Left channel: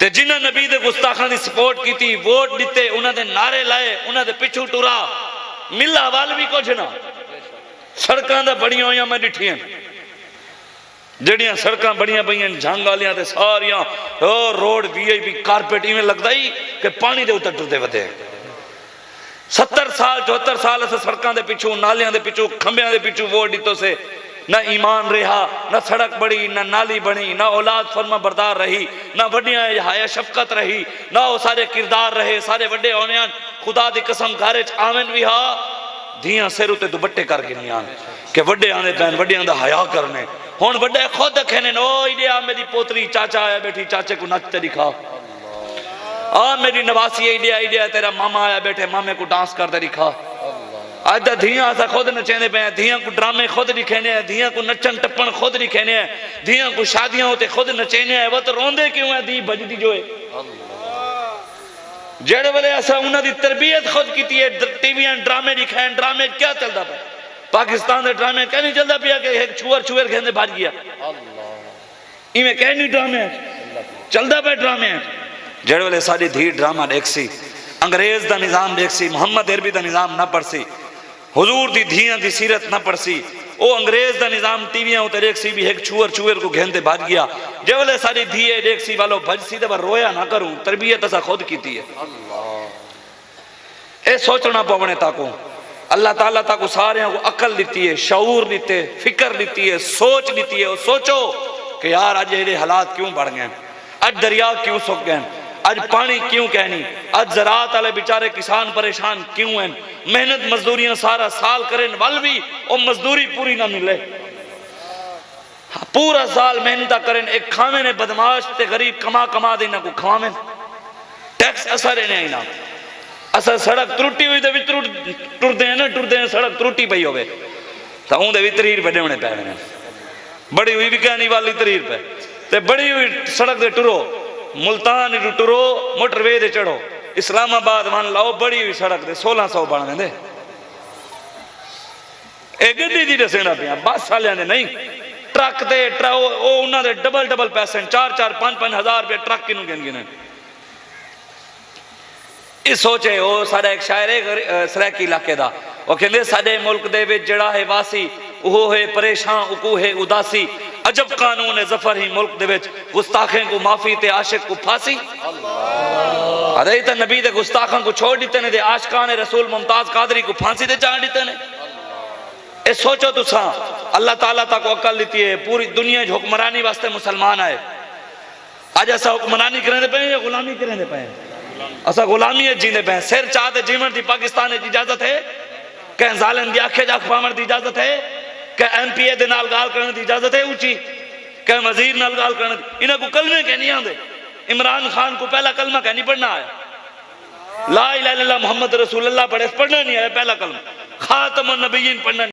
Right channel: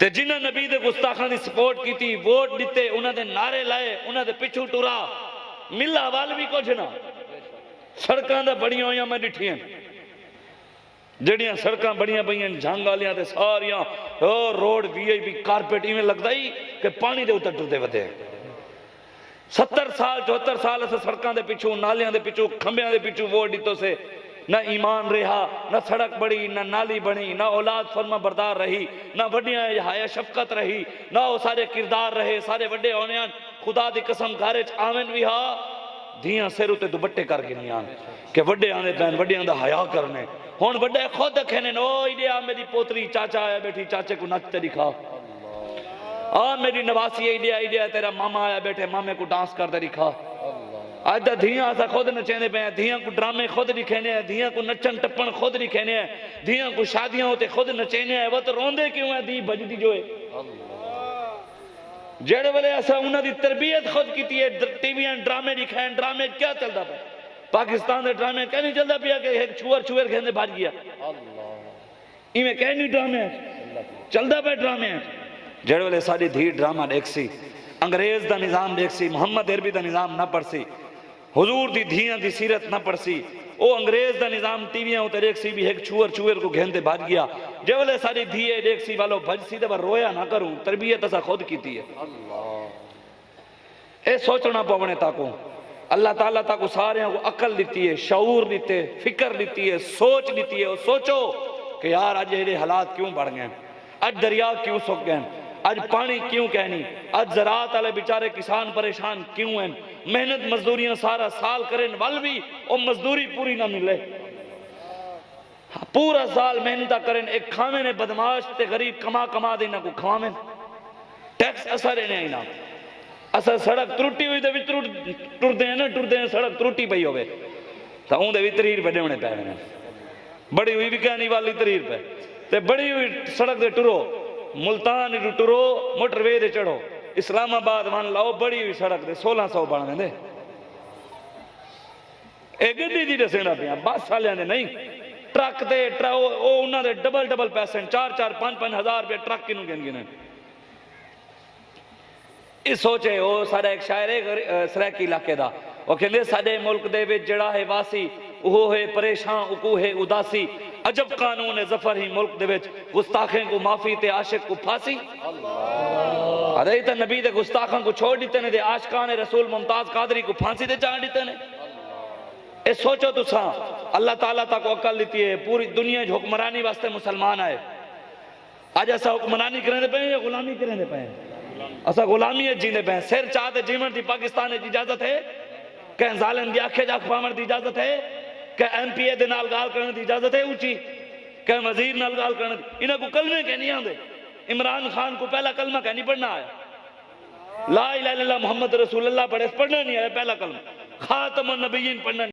ते जिन्हें नबी दे गुस्ताखां the support की, वोट दिते, उन्होंने नारे लाए, उन्होंने पिछू टुरा, मिला वाल भी कुछ ना। सड़कां दा बड़ियां होइयां मैं डिठियां, जड़ियां सड़कां बड़ियां पईयां झंग वालियां ते सारियां रोड वीआईपी कारपेट इवें लगदा ही कि पानी दे उत्ते टुरदे वधे। 70 साल 74 साल अस सड़कां दे पिछू, नालियां दे पिछू, खंबियां दे पिछू वोट दितो से। ना ईमान रहा, ना सड़क बड़ी, ना नाली बनी, ना औलाद फरमा बरदार रही, ना वड्डियां हाया शफकत रही, ना वो सारे किरदार रहे। सारे वड्डे होने खुदा दी कसम घर च आवन भी हा, धियां सिर उत्ते दुपट्टे कर गिनियां कि वड्डे आने पैन, वड्डियां दा हया करने। हुण वड्डे खुद कहने ओ इडिया मेरी पोतरी चाचा आया बैठी, चाचे को नचते दिखा। आ मेरी नवासी इडिया इडिया तेरा मामा आया बैठे, मामे को डांस करते दिखा। आज दा धियां असा खुद नचेंदे पे, धियां को ड्रामे खुद दिखेने हैं, धियां को नचन टप्पन खुद दिखेने हैं, धियां को शादियां होते खुद नचेने हैं। वो तो रोंदे क्यों है धी भजदी जो है। जेड़े वेले असा उन्हां दी तरबियत खुद की है, टीवियां ड्रामे दिखाए, ड्रामे क्या चलता पे पाकिस्तान के ड्रामे क्या नहीं चलता पिया कि एक छुअर छुअर खेलने भाज गया, इवें कह नहीं ड्रामे चलता पे। ड्रामे जेड़े वेले साडी धी ड्रामा देखसी, अंग्रेज दा निजाम देखसी, मोहम्मद अरबी दा निजाम ना पढ़सी, हुजूर दी धियां दी सीरत ना पढ़सी, ओ अंग्रेज दा निजाम टीवियां उते देखसी भी एक छुअर छुअर को घेंदे भाज गया। जे वेले साडी धीए देखसी वालो भजसी तो रोया ना करूं, तरबियत असा खुद कीती है। ए सोचना पवने ताको अल्लाह ताला ताको सारे को अकल दी है, शऊर दीते, फिक्र दी है, सोच दी है। सोचो कि यार अज ये हालात क्यों बढ़ गए, अज दरिया क्यों सुक गए, अज पानी क्यों कहनी, अज ज़रात वाले बेचारे किसान परेशान क्यों हैं। मेहनत मजदूरियां सारा साल करें वल भी और मजदूरी पूरी ना मिले, पूरा साल मेहनत करें, एक खावे ने बदमाश ते गरीब कमा कमा देना को खवावे, टैक्स असर नहीं ना। असा सड़क त्रुटी हुई तो भी टुरदे हैं ना, टुरदे हैं सड़क त्रुटी पई होवे तो उनके भी 30 रुपए देने पैने, बड़ी हुई भी कहनी वाली 30 रुपए ते बड़ी हुई सड़क दे टुरो, मुल्तान टुरो, मोटरवे दे चढ़ो, इस्लामाबाद मान लाओ, बड़ी हुई सड़क दे 1600 बन देंदे। ए गड्डी दी दसेना पिया, बस वाले ने नहीं, ट्रक दे उन्होंने डबल डबल पैसे 4-4 5-5 हज़ार रुपये ट्रक किनू गिन। इस सोचे वो सारा एक शायर है सराकी इलाके का, वो कहते साडे मुल्क दे विच जड़ा है वासी वो है परेशान, उकू है उदासी, अजब कानून है जफर ही मुल्क दे विच, गुस्ताखें को माफी ते आशिक को फांसी। अरे तो नबी दे गुस्ताखों को छोड़ दिते ने, आशिकान रसूल मुमताज कादरी को फांसी ते चाड़ दिते ने। ए सोचो तुसा अल्लाह ताला तक अकल दी है, पूरी दुनिया हुक्मरानी वास्ते मुसलमान आए। अज असा हुक्मरानी करें पे या गुलामी करें पे, असा गुलामी जीने पे। सिर चाहते जीवन की पाकिस्तान की इजाजत है, कह जालिम की आखे जाख पावन की इजाजत है, कह MPA दे नाल गाल करने की इजाजत है ऊंची, कह वजीर नाल गाल करने, इन्हें को कलमे कह नहीं आते। इमरान खान को पहला कलमा कह नहीं पढ़ना आया, ला इलाहा इल्लल्लाह मुहम्मद रसूलुल्लाह पढ़े, पढ़ना नहीं आया पहला कलमा, खातमुन नबिय्यीन पढ़ना